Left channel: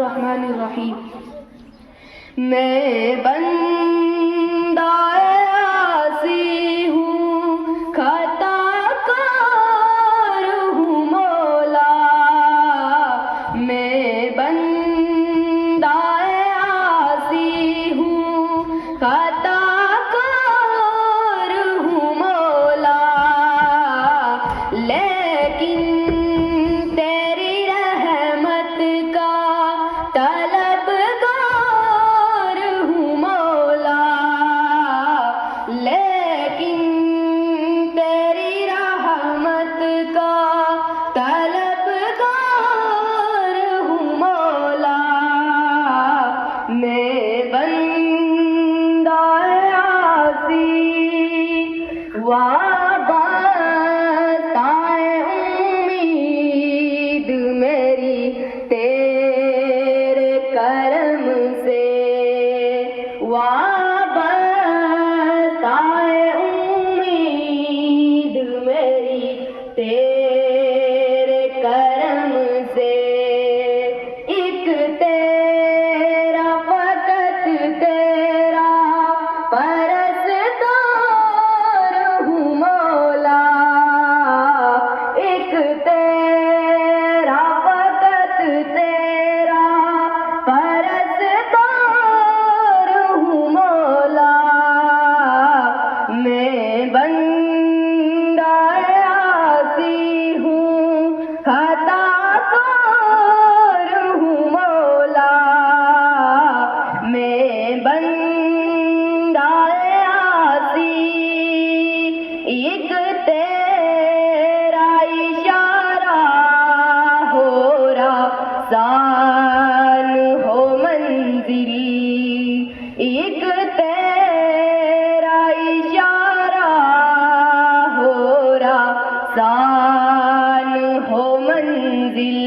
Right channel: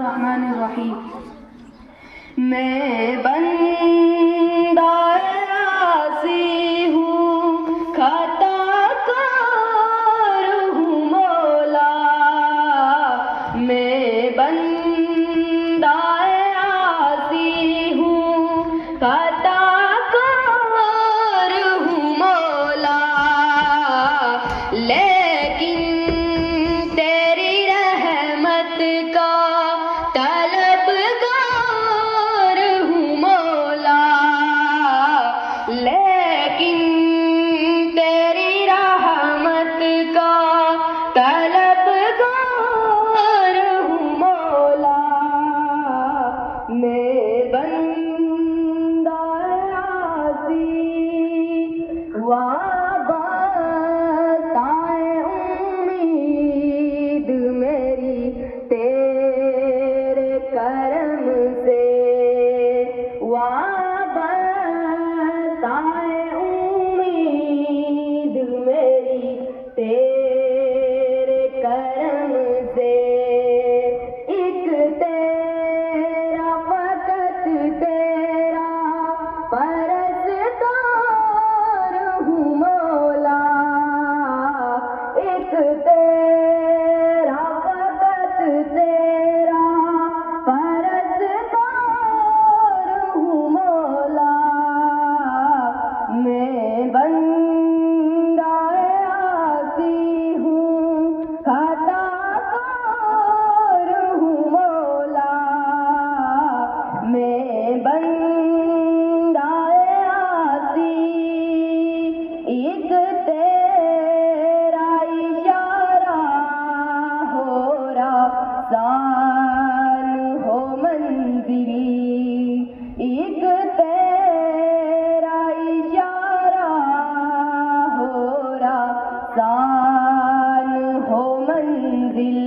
الرحمن الرحیم میں بندہ عاصی ہوں، خطا کار ہوں مولا، میں بندہ عاصی ہوں، خطا کار ہوں مولا، لیکن تیری رحمت کا لیکن تیری رحمت کا طلبگار ہوں مولا، میں بندہ عاصی وابستہ امید میری تیرے کرم سے، تیرے کرم سے، ایک تیرا فقط تیرا پرستار ہوں مولا، ایک تیرا فقط تیرا پرستار ہوں مولا، میں بندہ میں بندہ عاصی، ایک تیرا اشارہ ہو رسان ہو منزل، ایک تیرا اشارہ ہو رسان ہو منزل،